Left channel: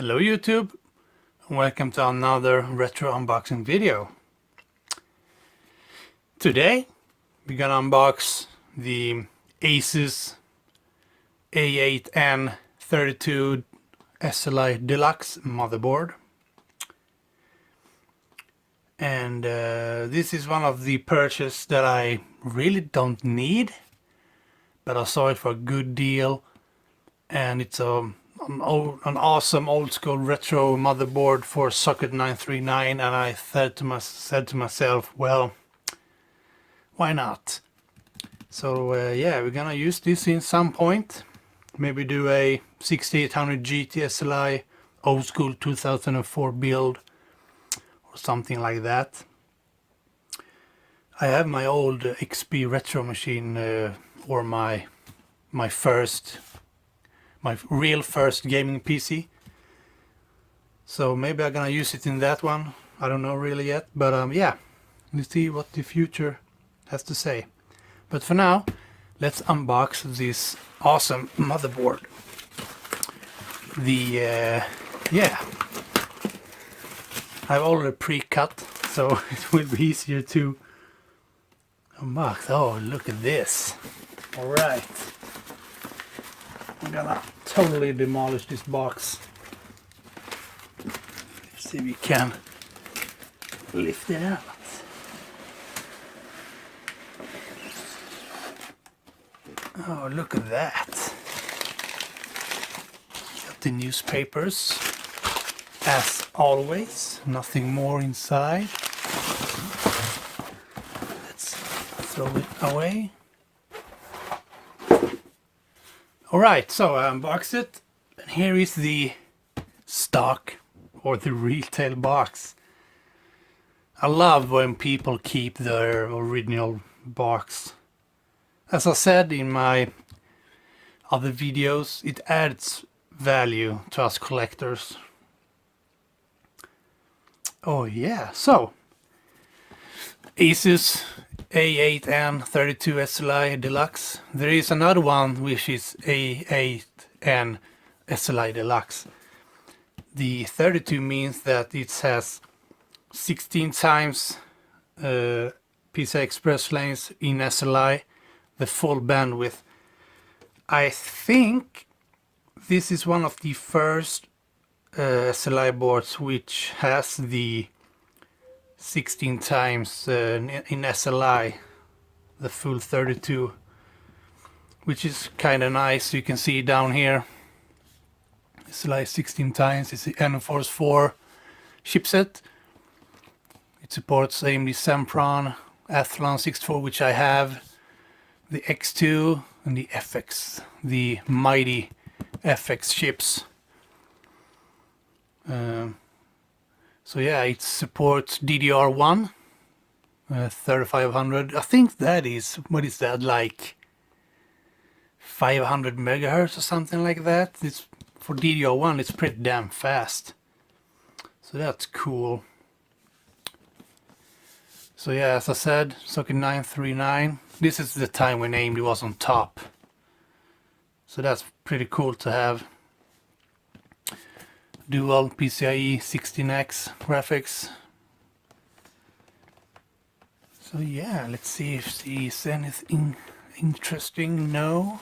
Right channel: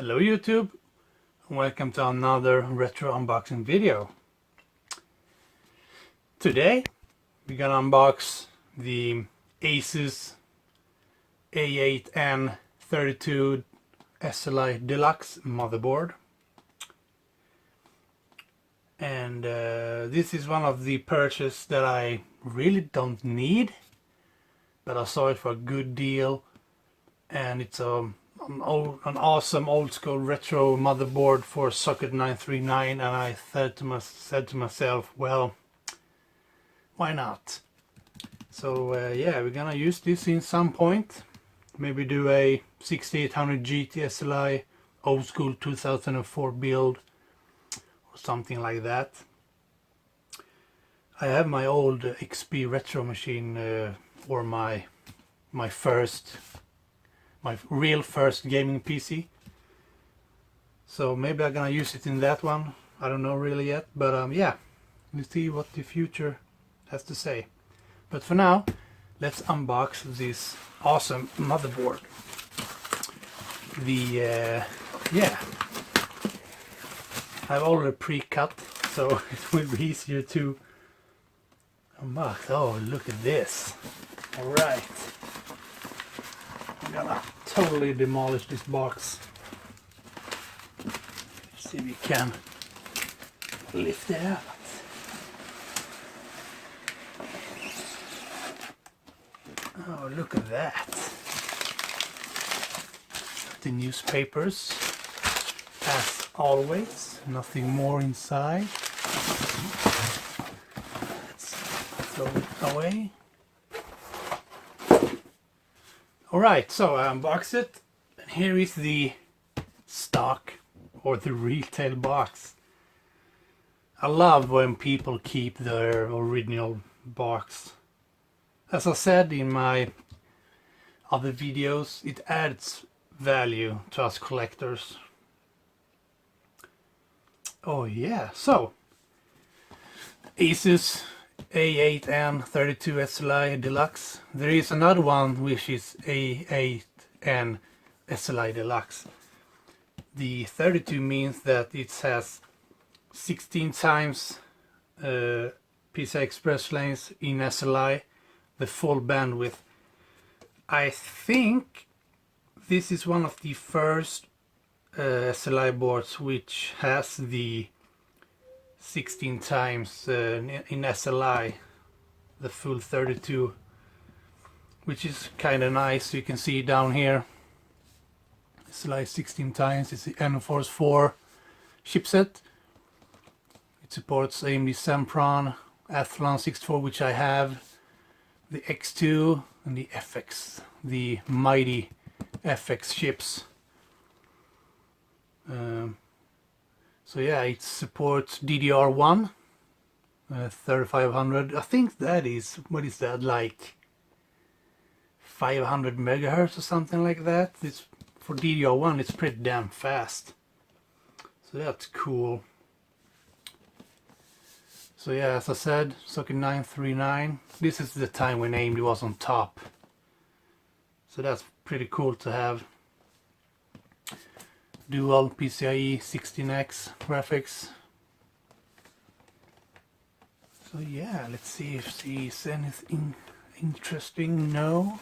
Hello YouTube, and welcome to another retro unboxing video. Today we're gonna unbox the ASUS A8N32-SLI Deluxe motherboard. And this is one of the purchases that I really don't need, but I saw it for a good deal, and it's an awesome old school retro motherboard for socket 939, and I said to myself, well, why not? So yeah, we're gonna use this in some point. Maybe do a 6800 GT SLI old school 2004 build or something like that. I have my old XP retro machine or my real first gaming PC. So maybe I'm gonna use it in that one. I don't know really yet, but yeah, we'll see what the future has to say. But for now, let's unbox this awesome motherboard. Yeah, I've already pre-cut, so it will be easier to unbox. Oh, look at this! All right. I'm gonna totally demolish this box. Let's see if we can lift it out. Oh, look at that. Got the newspapers, as always. Nothing more inside. Let's throw it away. Alright, so I unboxed it, and here is the stock or the retail box. I love when people keep their original box. As I said in my other videos, it adds value to us collectors. Oh yeah, so ASUS A8N32-SLI Deluxe. There is another one which is A8N-SLI Deluxe. The 32 means that it has 16 times PCI Express lanes in SLI, the full bandwidth. I think this is one of the first SLI boards which has the 16 times in SLI, the full 32, which is kind of nice. You can see down here, SLI 16 times. It's the N-Force 4 chipset. It supports AMD Sempron, Athlon 64, which I have, the X2 and the FX, the mighty FX chips. So yeah, it supports DDR1 3500. I think that is, what is that, like 500 megahertz or something like that. It's for DDR1, it's pretty damn fast, so that's cool. So yeah, as I said, socket 939. This is the time when AMD was on top, so that's pretty cool to have. Dual PCIe 16X graphics. So yeah, let's see if there's anything interesting. No.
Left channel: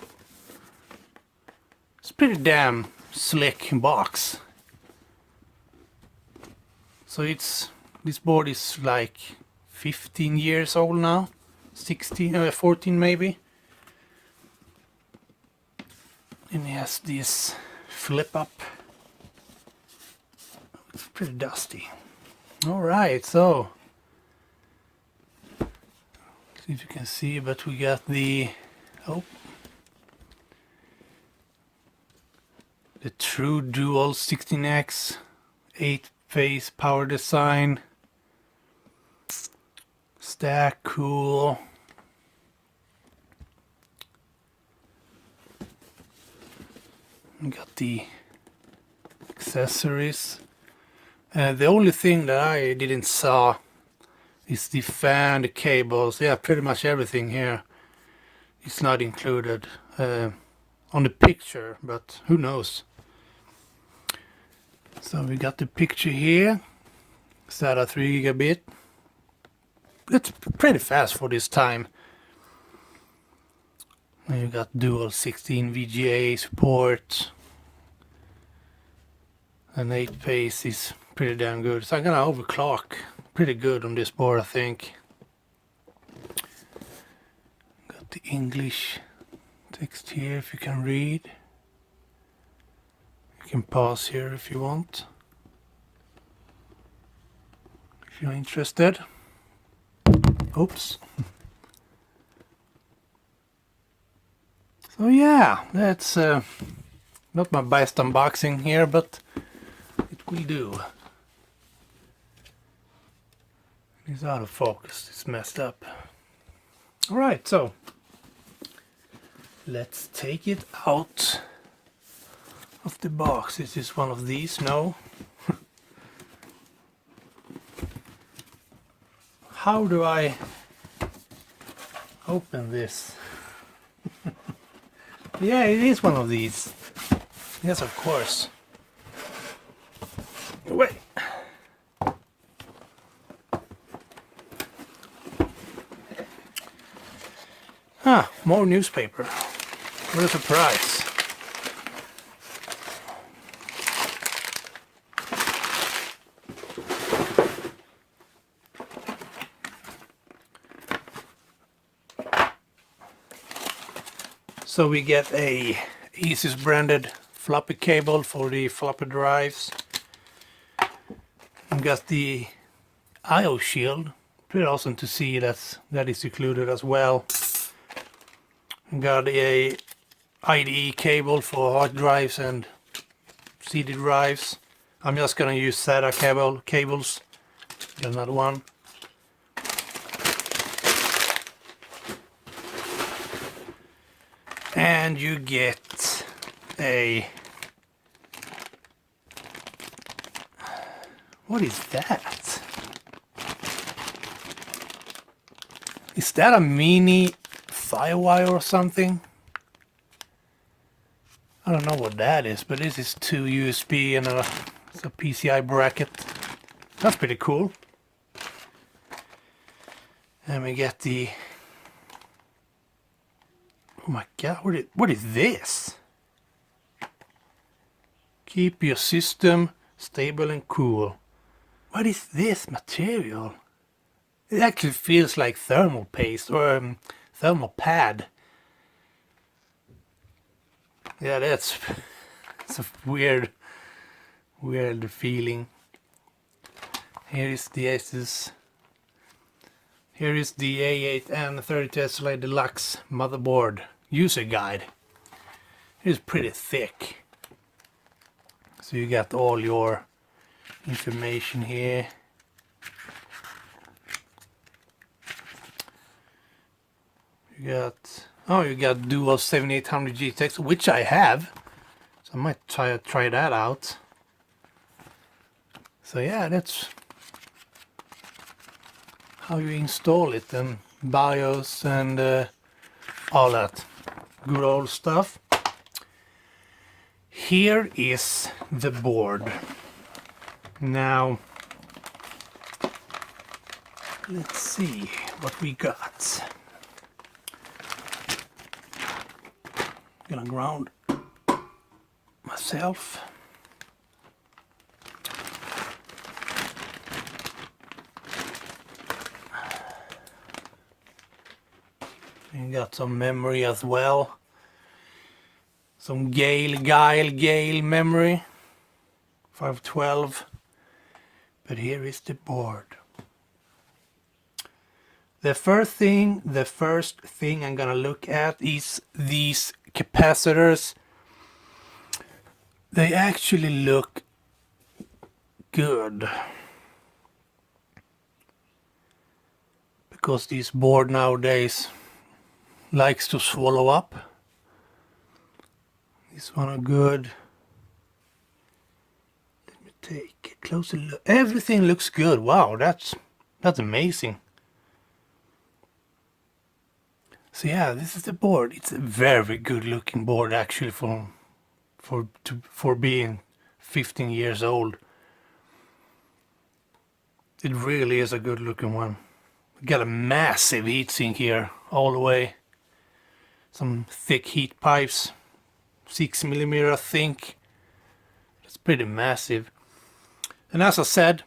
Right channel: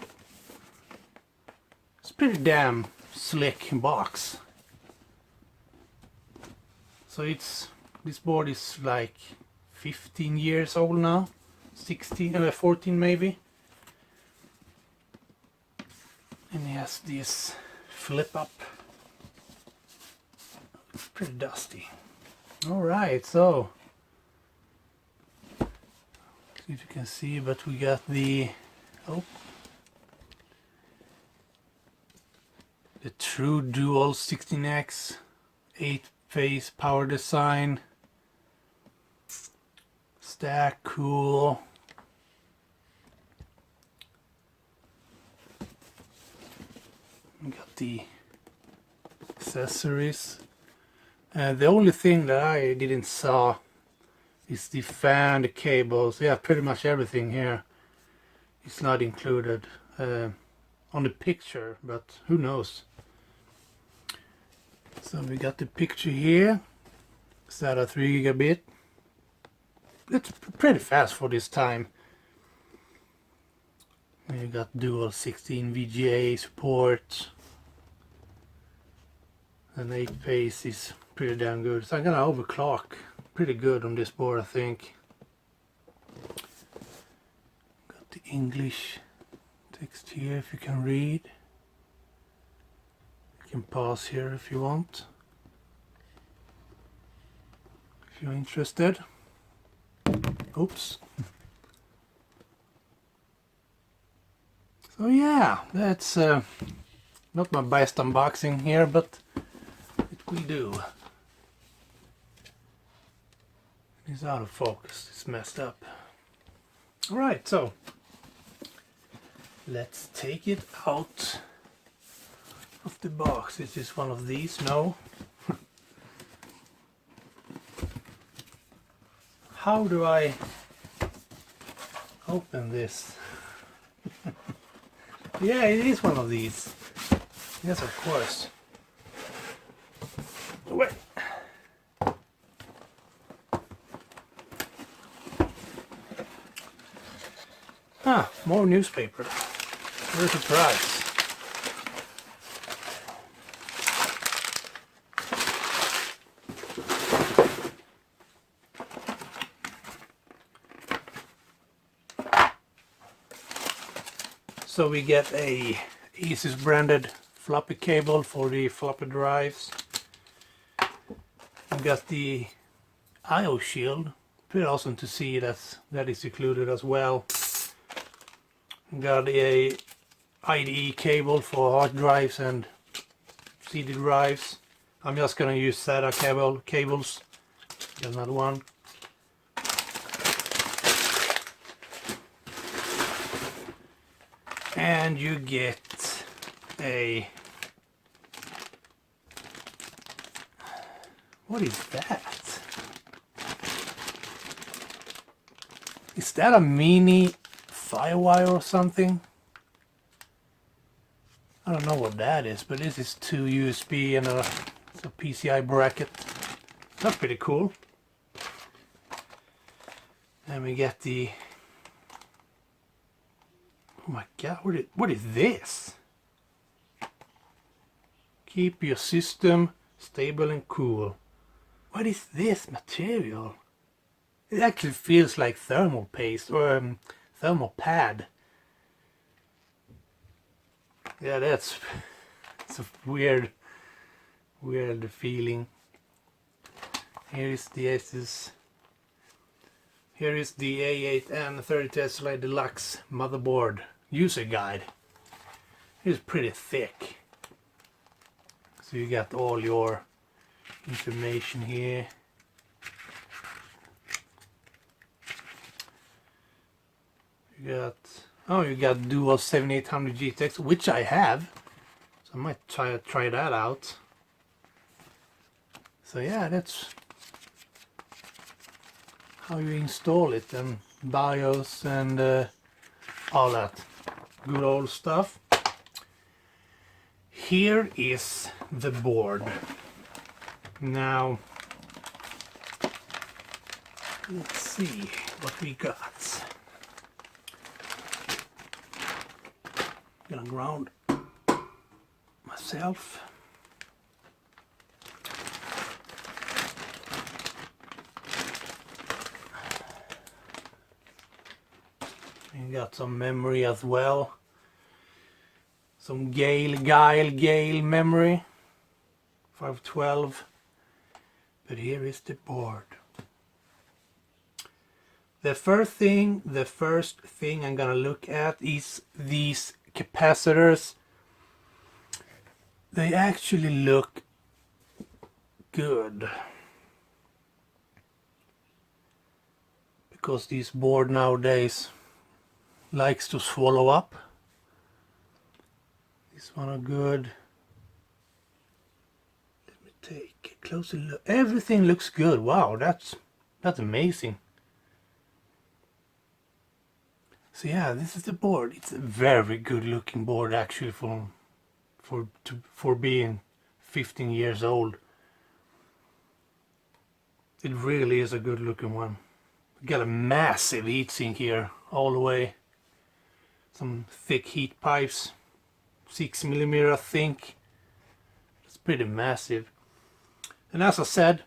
It's pretty damn slick box. So this board is like 15 years old now. 14 maybe. And it has this flip up. It's pretty dusty. Alright, so see if you can see, but we got the the true dual 16X 8-phase power design stack. Cool. We got the accessories. The only thing that I didn't saw is the fan, the cables. Yeah, pretty much everything here is not included on the picture, but who knows. So we got the picture here. SATA 3 gigabit. It's pretty fast for this time. And you got dual 16 VGA support. And 8 pace is pretty damn good. So I'm gonna overclock pretty good on this board, I think. Got the English text here if you can read. You can pause here if you want, if you're interested. Oops. So yeah, that's not my best unboxing here, but it will do. It's out of focus, it's messed up. Alright, so let's take it out of the box. Is this one of these? No. How do I open this? Yeah, it is one of these. Yes, of course. Wait. Ah, more newspaper. What a surprise. So we get a ASUS branded floppy cable for the floppy drives. We got the IO shield. Pretty awesome to see that is included as well. We got a IDE cable for hard drives and CD drives. I'm just gonna use SATA cables. Got another one. And you get a... What is that? Is that a mini firewire or something? I don't know what that is, but this is 2 USB and it's a PCI bracket. That's pretty cool. And we get the... Oh my god, what is this? Keep your system stable and cool. What is this material? It actually feels like thermal paste or thermal pad. Yeah, it's a weird feeling. Here is the ASUS. Here is the A8N32-SLI Deluxe motherboard user guide. It's pretty thick. So you got all your information here. You got dual 7800 GTX, which I have. So I might try that out. So yeah, that's how you install it, and BIOS and all that good old stuff. Here is the board. Now let's see what we got. I'm gonna ground myself. You got some memory as well. Some Gale memory. 512. But here is the board. The first thing I'm gonna look at is these capacitors. They actually look good. Because this board nowadays likes to swallow up. This one are good. Let me take a closer look. Everything looks good. Wow, that's amazing. So yeah, this is the board. It's a very good looking board actually for being 15 years old. It really is a good looking one. Got a massive heatsink here all the way. Some thick heat pipes, 6mm I think. It's pretty massive. And as I said,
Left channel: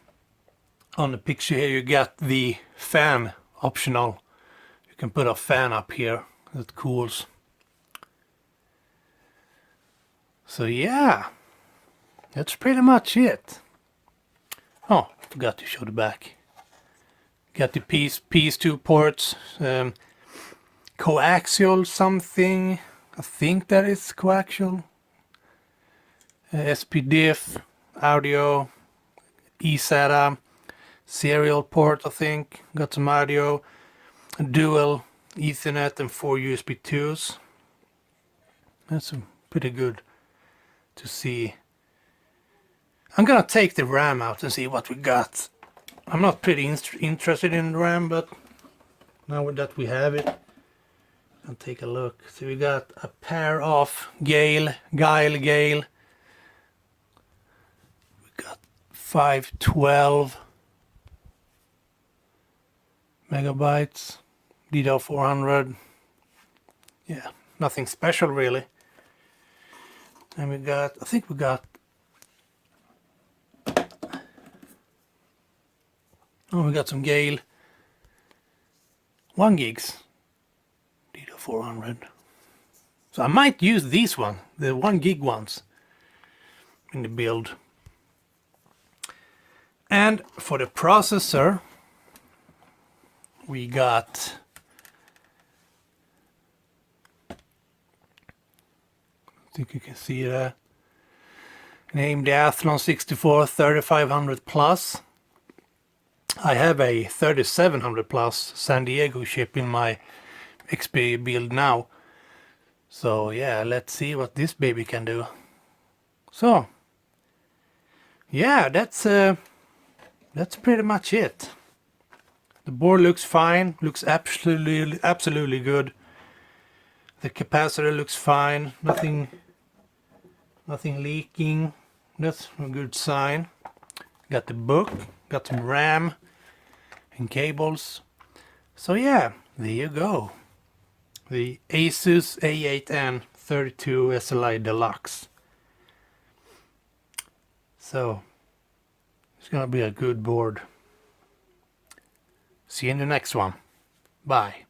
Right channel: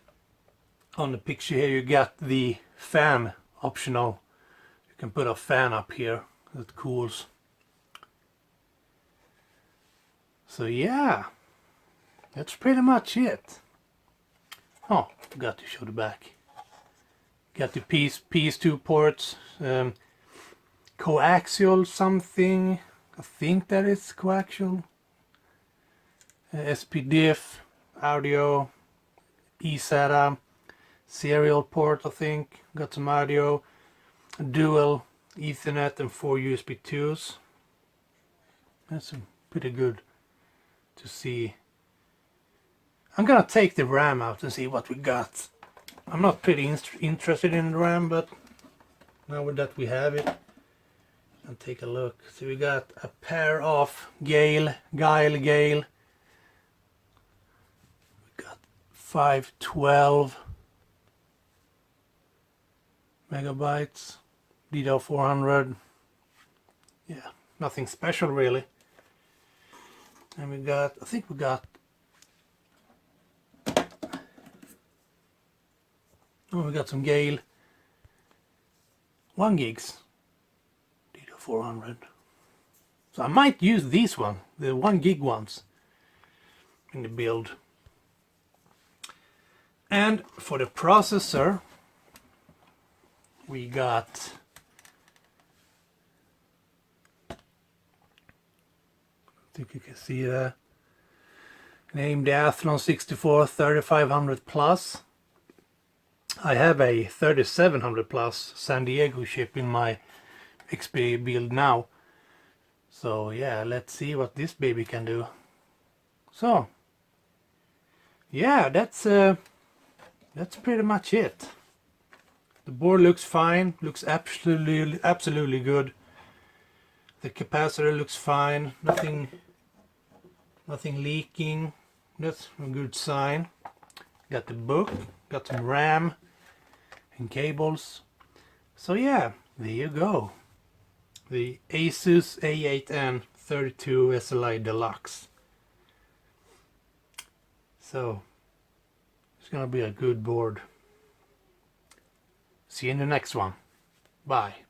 on the picture here you got the fan optional. You can put a fan up here that cools. So yeah, that's pretty much it. Oh, forgot to show the back. Got the PS2 ports, coaxial something. I think that is coaxial. SPDIF, audio, eSATA, serial port I think. Got some audio, a dual Ethernet and 4 USB 2s. That's pretty good to see. I'm gonna take the RAM out and see what we got. I'm not pretty interested in RAM, but now that we have it, I'll take a look. So we got a pair of Guile. We got 512 megabytes, DDR400. Yeah, nothing special really. And we got, I think we got, oh, we got some Guile 1 gigs DDR400. So I might use these one, the 1 gig ones, in the build. And for the processor, we got I think you can see that. Named the Athlon 64 3500 Plus. I have a 3700 Plus San Diego chip in my XP build now. So yeah, let's see what this baby can do. So yeah, that's pretty much it. The board looks fine, looks absolutely good. The capacitor looks fine, nothing leaking. That's a good sign. Got the book, got some RAM and cables. So yeah, there you go. The ASUS A8N32-SLI Deluxe. So it's gonna be a good board. See you in the next one. Bye.